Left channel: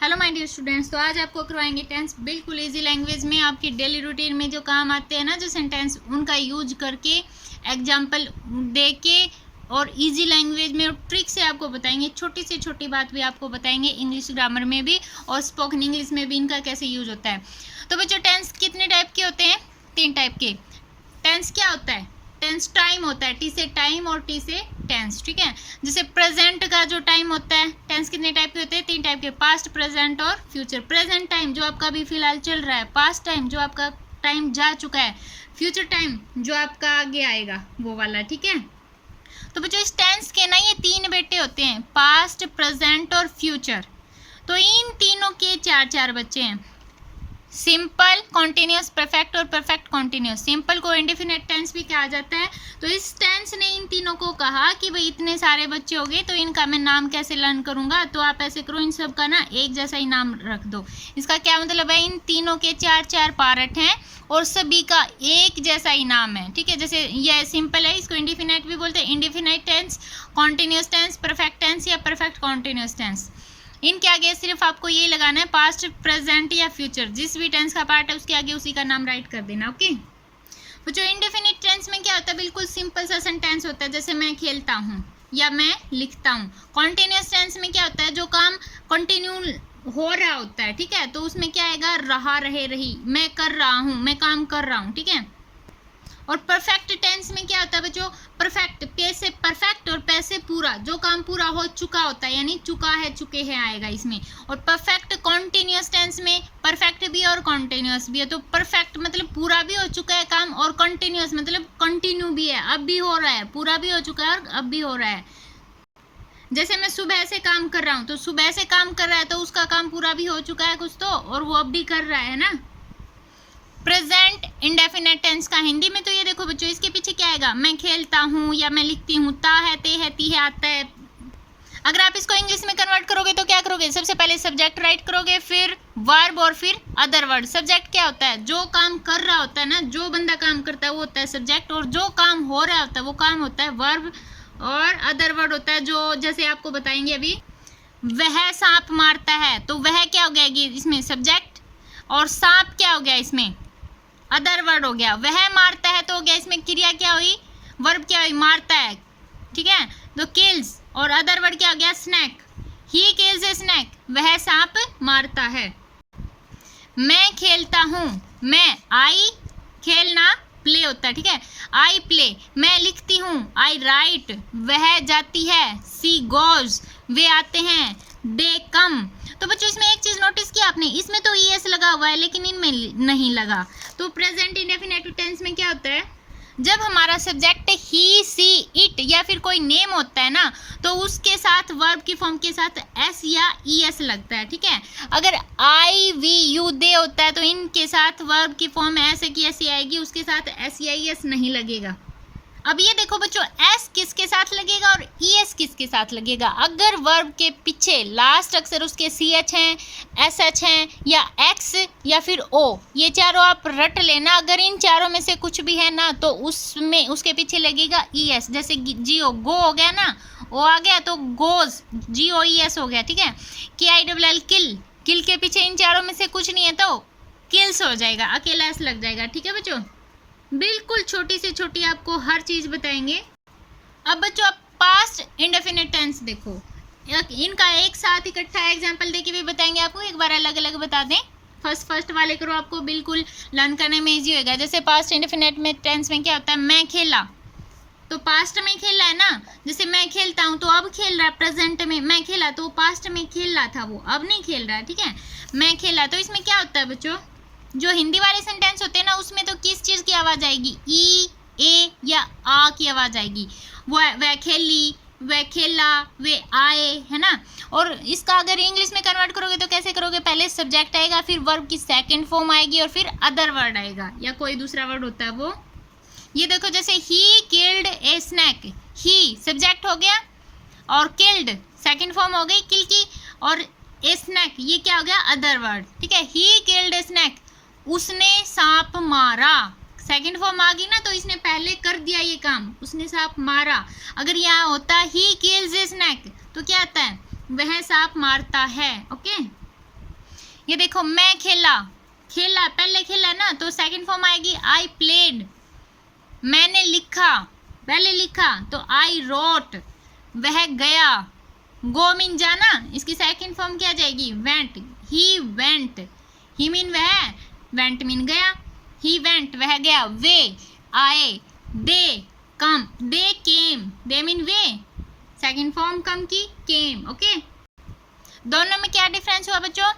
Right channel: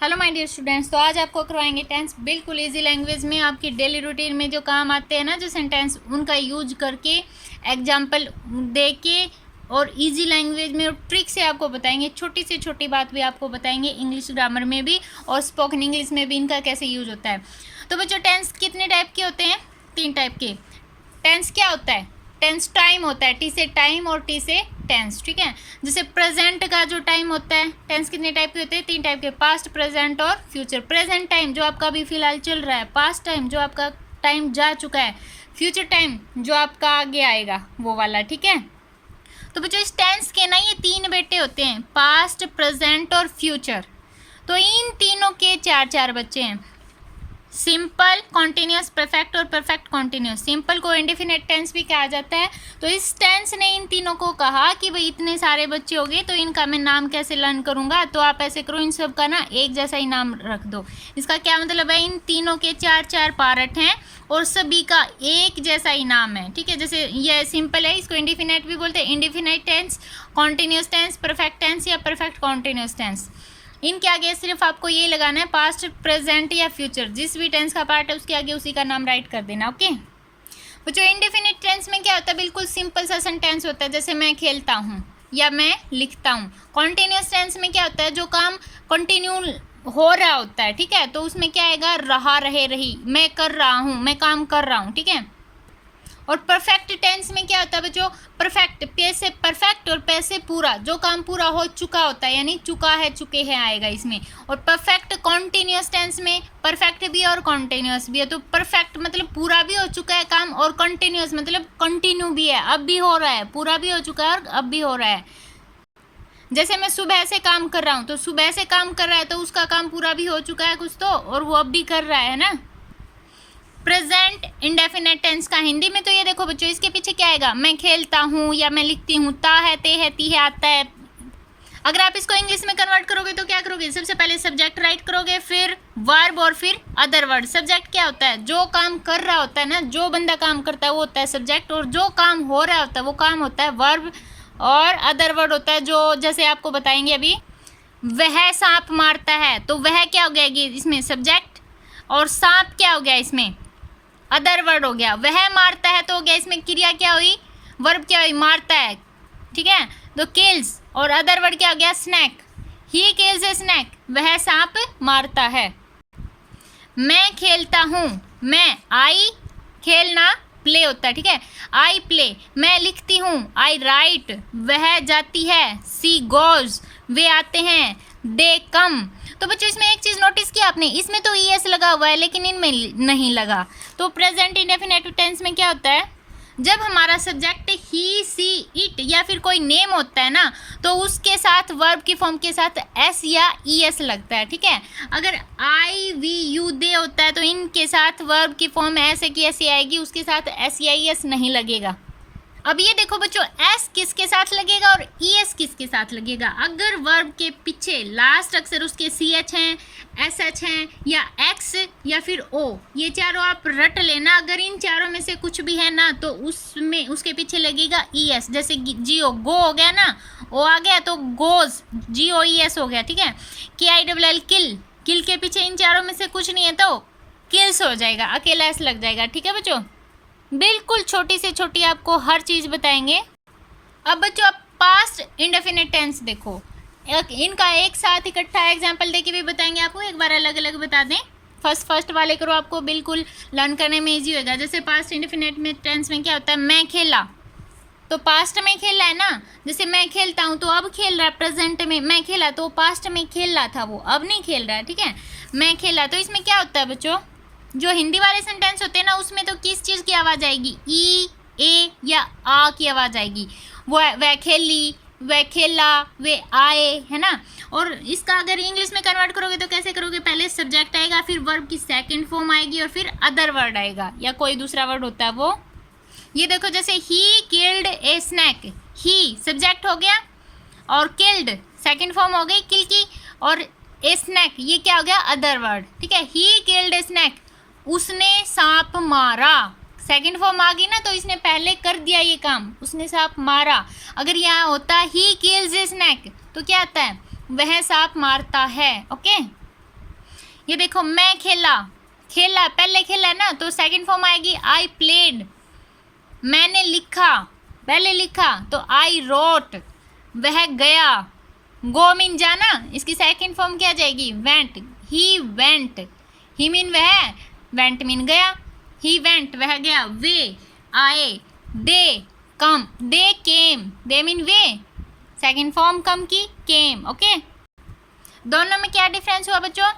Hello my dear students. तो आज आपको करवाएंगे टेंस बिल्कुल इजी लैंग्वेज में, आपकी डेली रूटीन में जो काम आते हैं ना, जो सेंटेंस, उनका यूज करके एग्जाम्पल दे के और इजी लैंग्वेज में और ट्रिक से आपको बताएंगे। छोटी से छोटी बात भी आपको बताएंगे, इंग्लिश ग्रामर में भी और स्पोकन इंग्लिश में भी इनका कैसे यूज होता है। तो बच्चों, टेंस कितने टाइप के होते हैं? 3 टाइप के। टेंस क्या होता है? टेंस टाइम होता है, टी से टाइम और टी से टेंस, ठीक है। जैसे प्रेजेंट का जो टाइम होता है, टेंस कितने टाइप के होते हैं? 3 टाइप के, पास्ट, प्रेजेंट और फ्यूचर। प्रेजेंट टाइम जो आपका अभी फिलहाल चल रहा है, पास्ट टाइम जो आपका टाइम जा चुका है, फ्यूचर टाइम जो आपका आगे आएगा, वो वाला, ठीक है। तो बच्चों, इस टेंस के ना ये 3 बेटे होते हैं, पास्ट, प्रेजेंट और फ्यूचर। तो इन तीनों के 4 बच्चे हैं, सिंपल, कॉन्टिन्यूस, परफेक्ट और परफेक्ट कॉन्टिन्यूस। सिंपल को इंडेफिनिट टेंस भी कहा जाता है। तो इस टेंस ने इन तीनों को कहा कि भाई इतने सारे बच्चे हो गए तो इनका मैं नाम कैसे लर्न करूंगा। तो आप ऐसे करो, इन सब का ना एक जैसा ही नाम रख दो। इसका क्या मतलब है? इन तीनों के 4 पार्ट हैं और सभी का एक जैसा ही नाम है, ठीक है। जैसे ये सिंपल है, इसको इंडेफिनिट भी बोलते हैं। Indefinite tense, continuous tense, perfect tense या परफेक्ट कॉन्टिन्यूस टेंस। इनके आगे सिर्फ आपको ये लगाना है पास्ट, प्रेजेंट या फ्यूचर। जिस भी टेंस का पार्ट है उसके आगे उसी का नाम राइट कर देना, ओके। बच्चों, इंडेफिनिट टेंस में क्या होता है? बिल्कुल सिंपल सा सेंटेंस होता है, जैसे मैं खेलता हूँ या मैं लिखता हूँ। कॉन्टिन्यूस टेंस में क्या होता है? जो काम कंटिन्यू हो रहा होता है, ठीक है, तो उसमें क्या आएगा? रहा, रहे, रही। मैं कर रहा हूँ, मैं काम कर रहा हूँ, ठीक है। और परफेक्ट टेंस में क्या होता है बच्चों? परफेक्ट, पे से परफेक्ट और पे से पूरा, जो काम पूरा हो चुका होता है, यानी चुका है, चुके हैं आएगा इसमें। और परफेक्ट कॉन्टिन्यूस टेंस में परफेक्ट भी और कॉन्टिन्यूस भी है। तो परफेक्ट मतलब पूरा भी हो चुका है काम, और कॉन्टिन्यूस मतलब कंटिन्यू भी है, अब भी हो रहा है, पूरा भी हो चुका है और अब भी हो रहा है। जैसे मैं सुबह से काम कर रहा हूँ, तो सुबह से काम कर रहा है तो उसका काम पूरा भी हो चुका है कुछ तो, और वो अब भी कर रहा है ना। प्रेजेंट इंडेफिनिट टेंस का हिंदी में तो ये देखो बच्चों, इसके पीछे क्या आएगा? मैं खेलता हूँ या मैं लिखती हूँ, ता है, ते है, ती है, आता है। अगर आप इसको इंग्लिश में कन्वर्ट करोगे तो क्या करोगे? सबसे पहले सब्जेक्ट राइट करोगे, फिर वर्ब और फिर अदर वर्ड। सब्जेक्ट क्या होता है? जो काम कर रहा होता है ना, जो बंदा काम करता है वो होता है सब्जेक्ट, और जो काम हो रहा होता है वो काम होता है वर्ब, और अदर वर्ड होता है जो, जैसे आपको बताएंगे अभी, वह सांप मारता है, तो वह क्या हो गया इसमें? सब्जेक्ट। और सांप क्या हो गया इसमें? अदर वर्ड हो गया। वह मारता है तो हो गया इसमें क्रिया क्या हुई? वर्ब क्या हुई? मारता है, ठीक है। तो किल्स, और अदर वर्ड क्या हो गया? Snake. He kills a snake, वह सांप मारता है। मैं खेलता हूँ, मैं, आई, खेलना, प्ले होता है, ठीक है, आई प्ले। मैं लिखती हूँ, आई राइट। वह जाती है, सी गोज, वे आते हैं, दे कम। तो बच्चों, इसमें एक चीज नोटिस किया आपने, इसमें तो ईएस लगा हुआ है लेकिन इनमें नहीं लगा। तो प्रेजेंट इंडेफिनिट टेंस में क्या होता है? जब हमारा सब्जेक्ट ही, सी, इट या फिर कोई नेम होता है ना, तो उसके साथ वर्ब की फॉर्म के साथ एस या ईएस लगता है, ठीक है। अगर आई, वी, यू, दे होता है तो इनके साथ वर्ब की फॉर्म एस की ऐसी आएगी, उसके साथ एस या ईएस नहीं लगेगा। अब ये देखो बच्चों, एस किसके साथ लगेगा और ईएस किसके साथ लगेगा? अगर वर्ब के पीछे लास्ट अक्षर उसके सी एच हैं, एस एच हैं, या एक्स या फिर ओ, ये चारों आप रट लेना। अगर इन चारों में से कुछ भी है ना, तो उसमें उसके पीछे लगेगा ईएस। जैसे जियो, गो हो गया ना, ओ आ गया तो गोज, GOES हो गया, ठीक है। KILL, किल, किल के पीछे इन चारों में से कुछ नहीं है तो किल्स हो जाएगा, अकेला एस लग जाएगा, ठीक है बच्चों। बिल्कुल छोटी से छोटी आपको हर चीज़ बताएंगे। अब बच्चों, आप पास्ट इंडेफिनिट टेंस देखो, इनका एक साथ इकट्ठा एग्जांपल देके भी बताएंगे आपको, एक बार अलग अलग बता दें। फर्स्ट वाले करो, आपको बिल्कुल लर्न करने में इजी होगा। जैसे पास्ट इंडेफिनिट में टेंस में क्या होता है? मैं खेला, तो पास्ट में खेला है ना। जैसे मैं खेलता हूँ तो अब खेल रहा है, प्रेजेंट में मैं खेला तो पास्ट में खेल रहा था, वो अब नहीं खेल रहा है, ठीक है। मैं खेला, तो इसमें क्या होता है बच्चों? जो हिंदी वाले सेंटेंस होते हैं ना, उसमें तो किस चीज़ की आवाज़ आएगी? ई, ए या आ की आवाज़ आएगी। वह खेली, वह खेला, वे आए, है ना। और इसका अगर इंग्लिश में कन्वर्ट करोगे तो कैसे करोगे? पहले सब्जेक्ट आएगा, फिर वर्ब की सेकंड फॉर्म आएगी और फिर अदर वर्ड आएगा, या कोई दूसरा वर्ड होता है वो। ये देखो, जैसे he killed A snack, he subject हो गया और किल्ड सेकंड फॉर्म हो गई किल की, और ए स्नैक ये क्या हो गया? अदर वर्ड, ठीक है। ही किल्ड ए स्नैक, उसने सांप मारा, सेकंड फॉर्म आ गई ना, तो इसने पहले कर दिया ये काम, उसने सांप मारा। अगर यहाँ होता ही किल्स ए स्नैक तो क्या आता है? वह सांप मारता है, ओके। ये देखो मैं खेला, खेला पहले खेला ना, तो सेकंड फॉर्म आएगी आई प्लेड। मैंने लिखा, पहले लिखा तो आई रोट। वह गया, गो मीन जाना, इसकी सेकंड फॉर्म क्या जाएगी went. He went, he mean वह, वेंट मीन गया। ही वेंट वह गया। वे आए, they come, they came, they mean वे, सेकंड फॉर्म कम की केम। ओके, दोनों में क्या डिफरेंस हुआ बच्चों?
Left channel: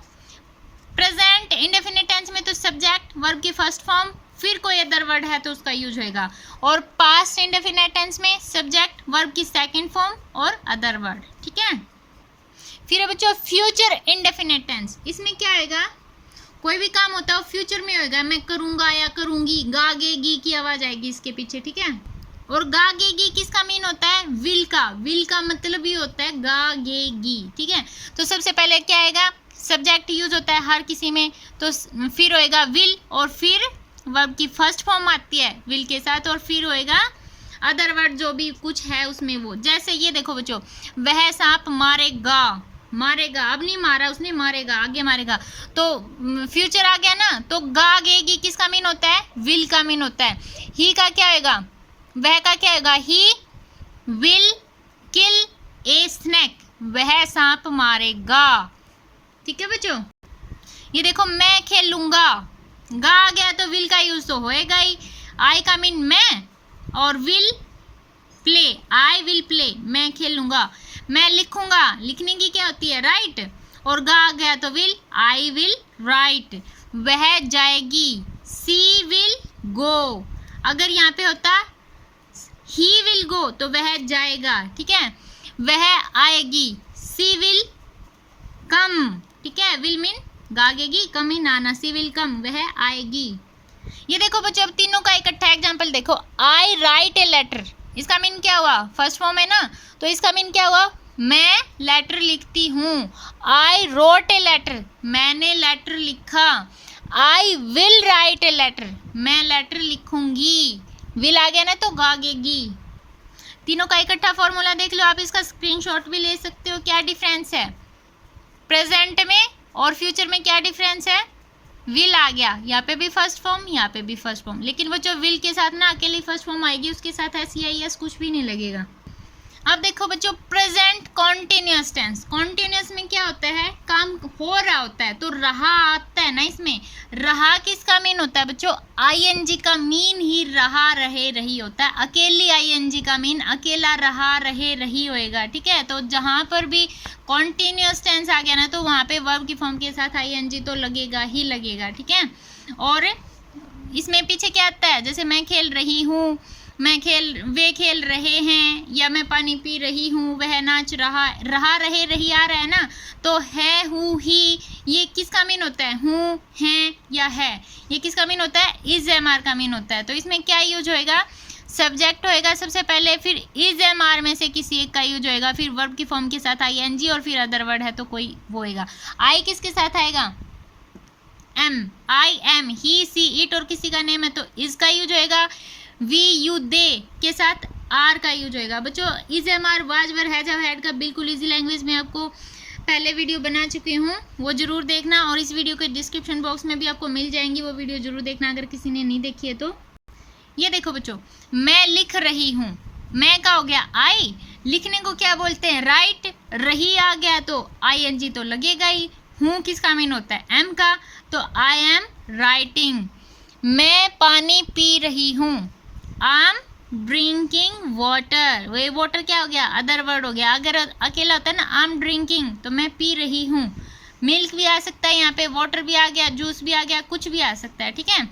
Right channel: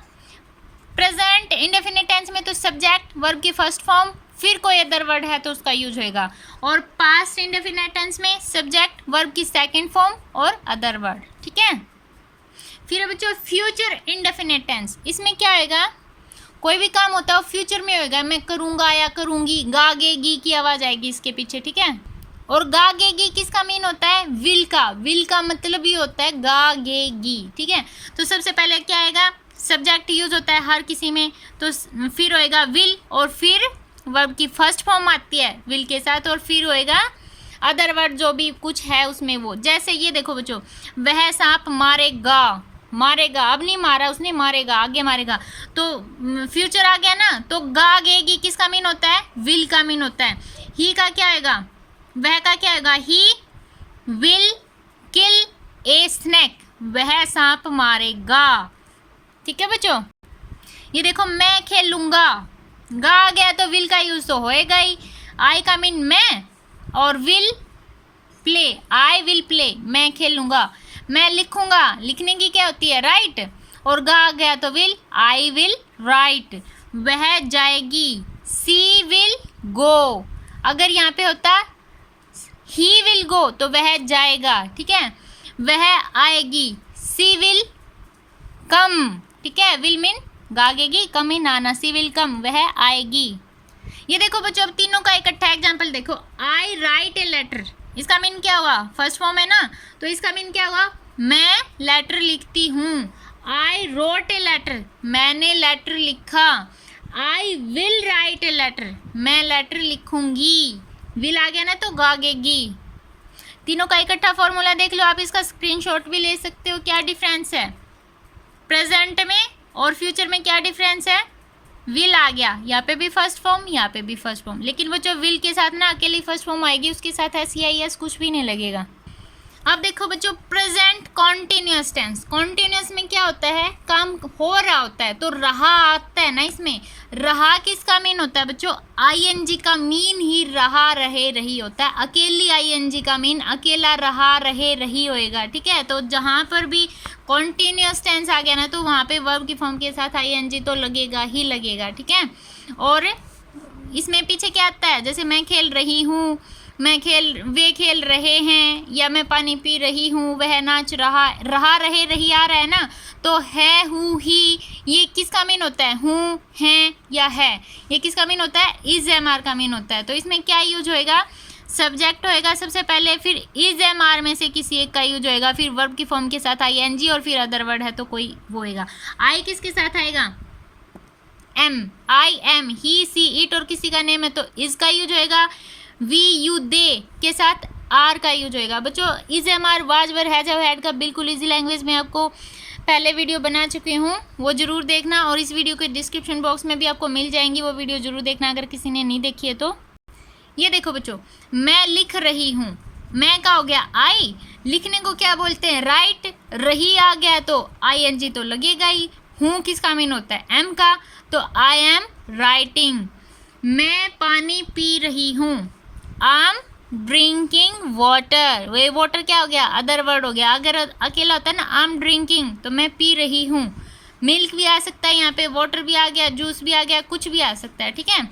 प्रेजेंट इंडेफिनिट टेंस में तो सब्जेक्ट वर्ब की फर्स्ट फॉर्म, फिर कोई अदर वर्ड है तो उसका यूज होएगा, और पास्ट इंडेफिनिट टेंस में सब्जेक्ट वर्ब की सेकंड फॉर्म और अदर वर्ड। ठीक है, फिर बच्चों फ्यूचर इंडेफिनिट टेंस, इसमें क्या आएगा? कोई भी काम होता है फ्यूचर में होएगा। मैं करूँगा या करूँगी, गागेगी की आवाज़ आएगी इसके पीछे। ठीक है, और गागेगी किसका मीन होता है? विल का। विल का मतलब ही होता है गागेगी। ठीक है, तो सबसे पहले क्या आएगा? सब्जेक्ट यूज होता है हर किसी में, तो फिर होएगा विल, और फिर वर्ब की फर्स्ट फॉर्म आती है विल के साथ, और फिर होएगा अदर वर्ड जो भी कुछ है उसमें वो। जैसे ये देखो बच्चों, वह सांप मारेगा, मारेगा, अब नहीं मारा उसने, मारेगा, आगे मारेगा, तो फ्यूचर आ गया ना, तो गागेगी किसका मीन होता है? विल का मीन होता है। ही का क्या होगा? वह का क्या होगा? He will kill a snake, वह सांप मारेगा। ठीक है बच्चों, ये देखो मैं खेलूंगा, गा आ गया तो विल का यूज तो होएगा ही। आई का मीन मैं, और will play, I will play, मैं खेलूंगा। मैं लिखूंगा, लिखने की क्या होती है? राइट, और गा आ गया तो विल, आई विल राइट। वह जाएगी, सी विल गो। अगर यहाँ पे होता ही विल गो तो वह जाएगा। ठीक है, वह आएगी, सी विल कम। ठीक है, will mean गागेगी, come he Nana, C will come, वह आएगी। ये देखो बच्चों, अब तीनों का इकट्ठा एग्जाम्पल देखो। आई राइट ए लेटर, इसका मीन क्या हुआ? फर्स्ट फॉर्म है ना, तो इसका मीन क्या हुआ? मैं लेटर लिखती हूँ। आई रोट ए लेटर, मैंने लेटर लिखा। I will write a letter, मैं लेटर लिखूंगी। विल आ गया ना तो गागेगी। तीनों का इकट्ठा फॉर्मूला देख लो आप, इसका स्क्रीनशॉट भी ले सकते हो। क्या डिफरेंस है प्रेजेंट में और फ्यूचर में? क्या डिफरेंस है? विल आ गया, यहाँ पे भी फर्स्ट फॉर्म, यहाँ पे भी फर्स्ट फॉर्म, लेकिन वो जो विल के साथ ना अकेली फर्स्ट फॉर्म आएगी, उसके साथ SEIS कुछ भी नहीं लगेगा। अब देखो बच्चों, प्रेजेंट कॉन्टिन्यूस टेंस। कॉन्टिन्यूस में क्या होता है? काम हो रहा होता है, तो रहा आता है ना इसमें। रहा किसका मीन होता है बच्चों? ING का मीन ही रहा, रहे, रही होता है। अकेली ING का मीन अकेला, रहा, रहे, रही होएगा। ठीक है, तो जहाँ पर भी कॉन्टिन्यूस टेंस आ गया ना, तो वहाँ पे वर्ब की फॉर्म के साथ ING तो लगेगा ही लगेगा। ठीक है, और इसमें पीछे क्या आता है? जैसे मैं खेल रही हूँ, वे खेल रहे हैं, या मैं पानी पी रही हूँ, वह नाच रहा, रहा, रहे, रही आ रहा है ना, तो है, हूँ, ही, ये किसका मीन होता है? हूँ, है या है, ये किसका मीन होता है? इज MR का मीन होता है। तो इसमें क्या यूज होएगा? सब्जेक्ट होएगा सबसे पहले, फिर इज MR में से किसी एक का यूज होएगा, फिर वर्ब की फॉर्म के साथ ING, और फिर अदर वर्ड है तो कोई वो होएगा। आई किसके साथ आएगा? Am, I am, he, she, it, और किसी का नेम है तो इज का यूज होएगा। वी, यू, दे के साथ आर का यूज होएगा। बच्चों is MR, was, were, has, have, had का बिल्कुल इजी लैंग्वेज में आपको पहले वीडियो बना चुकी हूँ, वो जरूर देखना, और इस वीडियो के डिस्क्रिप्शन बॉक्स में भी आपको मिल जाएंगी, वो वीडियो जरूर देखना अगर किसी ने नहीं देखी है तो। ये देखो बच्चों, मैं लिख रही हूँ, मैं का हो गया आई, लिखने को क्या बोलते हैं? राइट, रही आ गया तो ING तो लगेगा ही। हूँ किसका मीन होता है? एम का, तो आई एम राइटिंग। मैं पानी पी रही हूँ, आई am drinking water. Way water क्या हो गया? अदर वर्ड हो गया। अगर अकेला होता है ना, आई एम ड्रिंकिंग, तो मैं पी रही हूँ। मिल्क भी आ सकता है यहाँ पे, वाटर भी आ गया, जूस भी आ गया, कुछ भी आ सकता है। ठीक है,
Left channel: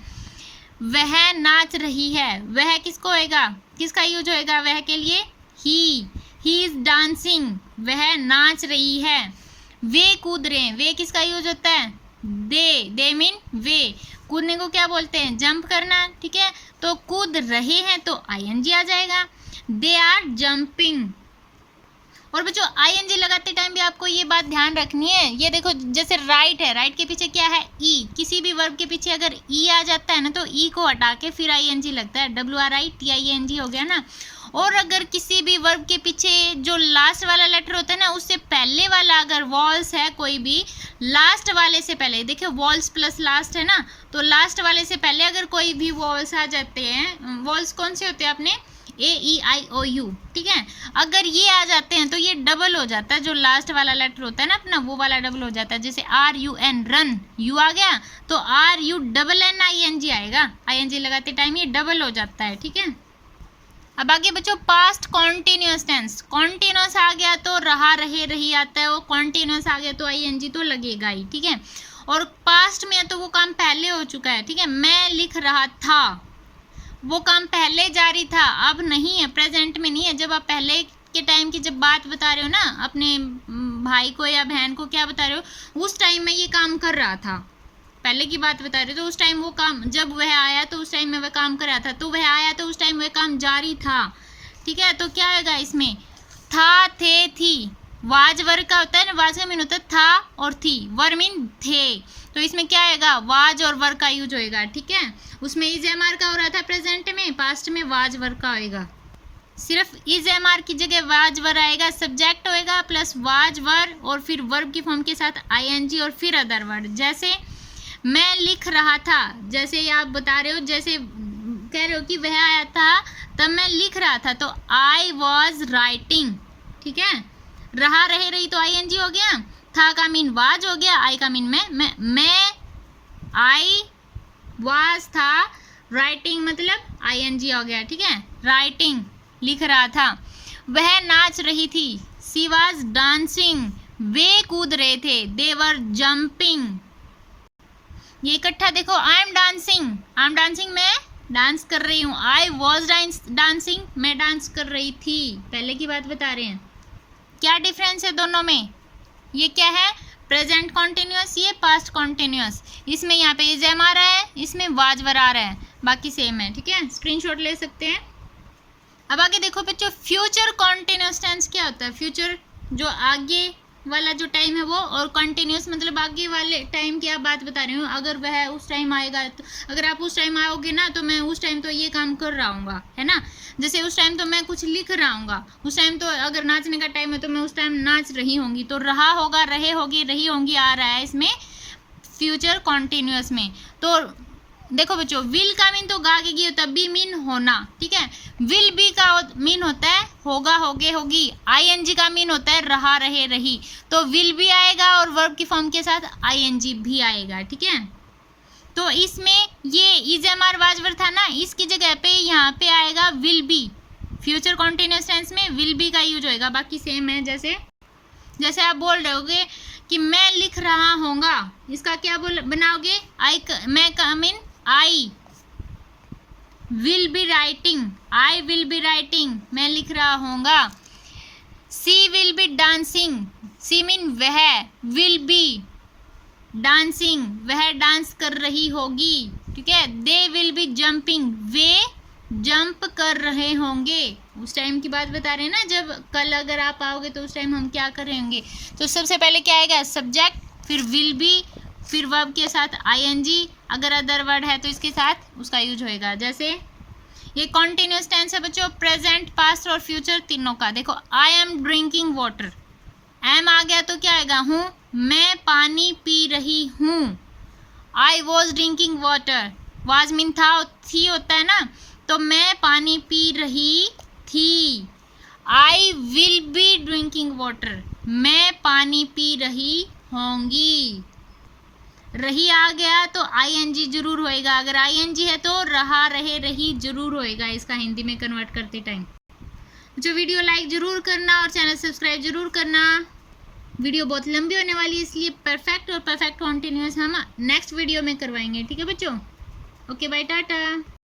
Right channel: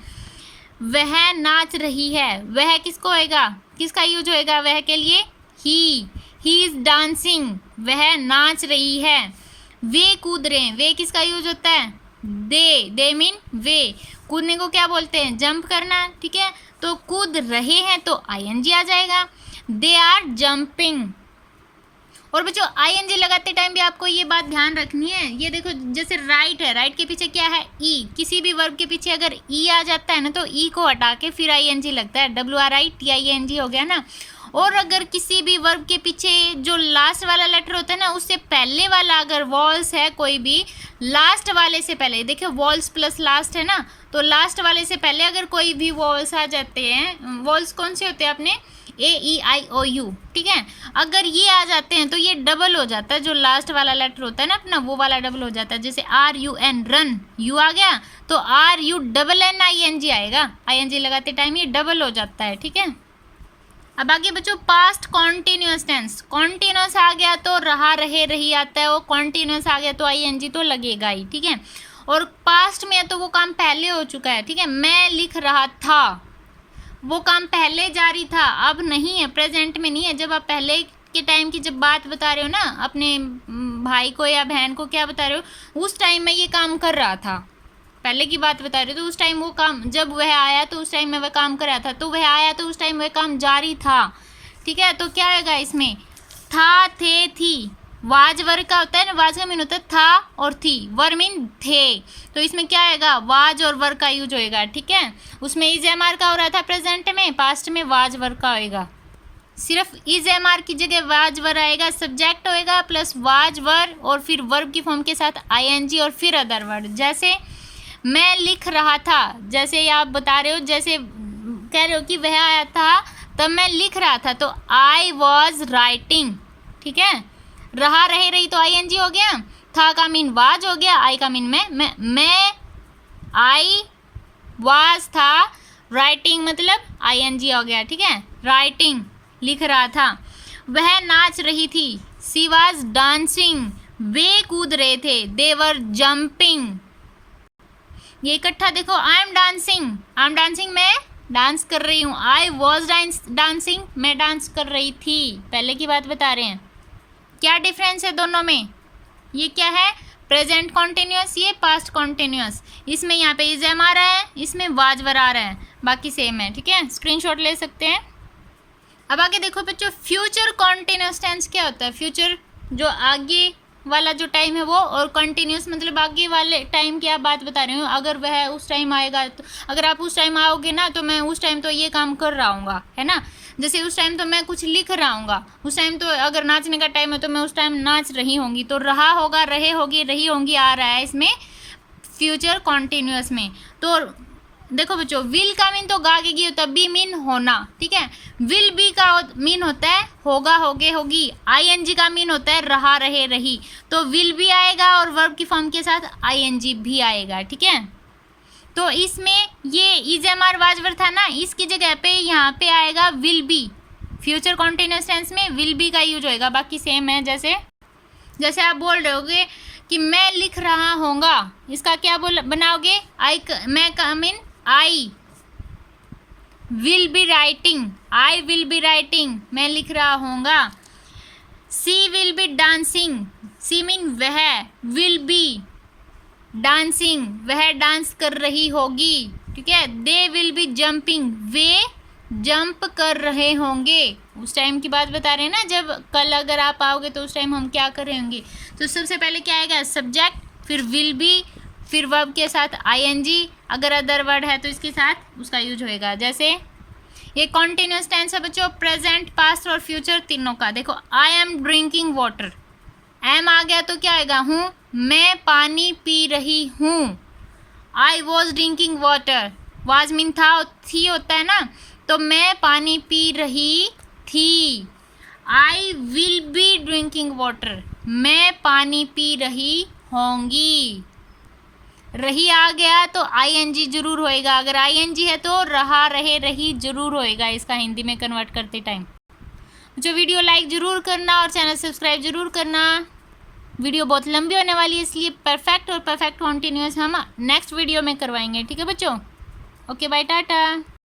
वह नाच रही है, वह किसको होएगा? किसका यूज होएगा वह के लिए? ही इज डांसिंग, वह नाच रही है। वे कूद रहे हैं, वे किसका यूज होता है? दे मीन वे। कूदने को क्या बोलते हैं? जंप करना। ठीक है, तो कूद रहे हैं तो ING आ जाएगा। They are jumping. और बच्चों ING लगाते टाइम भी आपको ये बात ध्यान रखनी है। ये देखो जैसे राइट है, राइट के पीछे क्या है? ई। किसी भी वर्ब के पीछे अगर ई आ जाता है ना, तो ई को हटा के फिर ING लगता है। WRITING हो गया ना। और अगर किसी भी वर्ब के पीछे जो लास्ट वाला लेटर होता है ना, उससे पहले वाला अगर वॉल्स है कोई भी, लास्ट वाले से पहले, देखिए वॉल्स प्लस लास्ट है ना, तो लास्ट वाले से पहले अगर कोई भी वॉल्स आ जाते हैं, वॉल्स कौन से होते हैं अपने, AEIOU, ठीक है, अगर ये आ जाते हैं तो ये डबल हो जाता है, जो लास्ट वाला लेटर होता है ना अपना, वो वाला डबल हो जाता है। जैसे RUN रन, यू आ गया तो RUNNING आएगा, ING लगाते टाइम ये डबल हो जाता है, ठीक है। अब आगे बच्चों पास्ट कॉन्टिन्यूस टेंस, कॉन्टिन्यूस आ गया तो रहा रहे रही आता है, वो कॉन्टिन्यूस आ गया तो ING तो लगेगा ही, ठीक है। और पास्ट में है तो वो काम पहले हो चुका है, ठीक है। मैं लिख रहा था, वो काम पहले जारी था, अब नहीं है, प्रेजेंट में नहीं है। जब आप पहले के टाइम की जब बात बता रहे हो ना अपने भाई को या बहन को, क्या बता रहे हो, उस टाइम में ये काम कर रहा था, पहले की बात बता रहे हो, तो उस टाइम वो काम, जब वह आया तो उस टाइम में वह काम कर रहा था, तो वह आया तो उस टाइम वह काम जारी था, ठीक है। तो क्या आएगा इसमें, था, थे, थी, वाज वर्ग का होता है ना, वाज का मीन होता है था और थी, वर मीन थे, तो इसमें क्या आएगा, वाज और वर्ग का यूज होएगा, ठीक है। उसमें इज एमआर का हो रहा था प्रेजेंट में, पास्ट में वाज वर्ग का होएगा, सिर्फ इज एमआर की जगह वाज वर आएगा, सब्जेक्ट होएगा प्लस वाज वर और फिर वर्ब की फॉर्म के साथ ING और फिर अदर वर्ड। जैसे मैं लिख रहा था, जैसे आप बता रहे हो, जैसे कह रहे हो कि वह आया था तब मैं लिख रहा था, तो I was writing, ठीक है। रहा रहे रही तो ING हो गया, था का मीन वाज हो गया, आई का मीन मैं आई वाज था, राइटिंग मतलब ING हो गया, ठीक है। राइटिंग लिख रहा था, वह नाच रही थी, सी वाज डांसिंग, वे कूद रहे थे, दे वर जंपिंग। ये इकट्ठा देखो, आई एम डांसिंग मैं डांस कर रही हूँ, आई वॉज डांसिंग मैं डांस कर रही थी, पहले की बात बता रहे हैं। क्या डिफरेंस है दोनों में, ये क्या है, प्रेजेंट कॉन्टिन्यूस, ये पास्ट कॉन्टिन्यूस, इसमें यहाँ पे इज एम आ रहा है, इसमें वाज वर आ रहा है, बाकी सेम है, ठीक है, स्क्रीनशॉट ले सकते हैं। अब आगे देखो बच्चों, फ्यूचर कॉन्टिन्यूस टेंस क्या होता है, फ्यूचर जो आगे वाला जो टाइम है वो, और कंटिन्यूस मतलब आगे वाले टाइम की आप बात बता रही हूँ, अगर वह उस टाइम आएगा तो, अगर आप उस टाइम आओगे ना तो मैं उस टाइम तो ये काम कर रहा हूँगा, है ना। जैसे उस टाइम तो मैं कुछ लिख रहा हूँगा, उस टाइम तो अगर नाचने का टाइम है तो मैं उस टाइम नाच रही होंगी, तो रहा होगा, रहे होगी, रही होंगी आ रहा है इसमें फ्यूचर कॉन्टिन्यूस में। तो देखो बच्चों, विल का मीन तो गागेगी होता है, बी मीन होना, ठीक है। विल बी का मीन होता है होगा, होगे, होगी। ING का मीन होता है रहा रहे रही, तो विल भी आएगा और वर्ब की फॉर्म के साथ ING भी आएगा, ठीक है। तो इसमें ये is am are was were था ना, इसकी जगह पे यहाँ पे आएगा will be, future continuous tense में विल बी का यूज होएगा, बाकी सेम है। जैसे आप बोल रहे होगे कि मैं लिख रहा होऊंगा, इसका क्या बनाओगे, I will be writing, मैं लिख रहा होऊंगा। She will be dancing, she mean वह, will be dancing वह डांस कर रही होगी, ठीक है। They will be jumping, way jump कर रहे होंगे। उस टाइम की बात बता रहे हैं ना, जब कल अगर आप आओगे तो उस टाइम हम क्या कर रहे होंगे, तो सबसे पहले क्या आएगा, सब्जेक्ट, फिर will be, फिर वर्ब के साथ ING, अगर अदर वर्ड है तो इसके साथ उसका यूज होएगा। जैसे ये कॉन्टिन्यूस टेंस है बच्चों, प्रेजेंट, पास्ट और फ्यूचर तीनों का। देखो, I am drinking water, am आ गया तो क्या आएगा, हूँ, मैं पानी पी रही हूँ। I was drinking water, was mean था, थी होता है ना, तो मैं पानी पी रही थी। I will be drinking water, मैं पानी पी रही होंगी। रही आ गया तो ING जरूर होएगा, अगर ING है तो रहा रहे रही जरूर होएगा इसका हिंदी में कन्वर्ट करते टाइम। जो वीडियो लाइक जरूर करना और चैनल सब्सक्राइब जरूर करना। वीडियो बहुत लंबी होने वाली है, इसलिए परफेक्ट और परफेक्ट कॉन्टिन्यूस हम नेक्स्ट वीडियो में करवाएंगे, ठीक है बच्चों। Okay bye, Tata.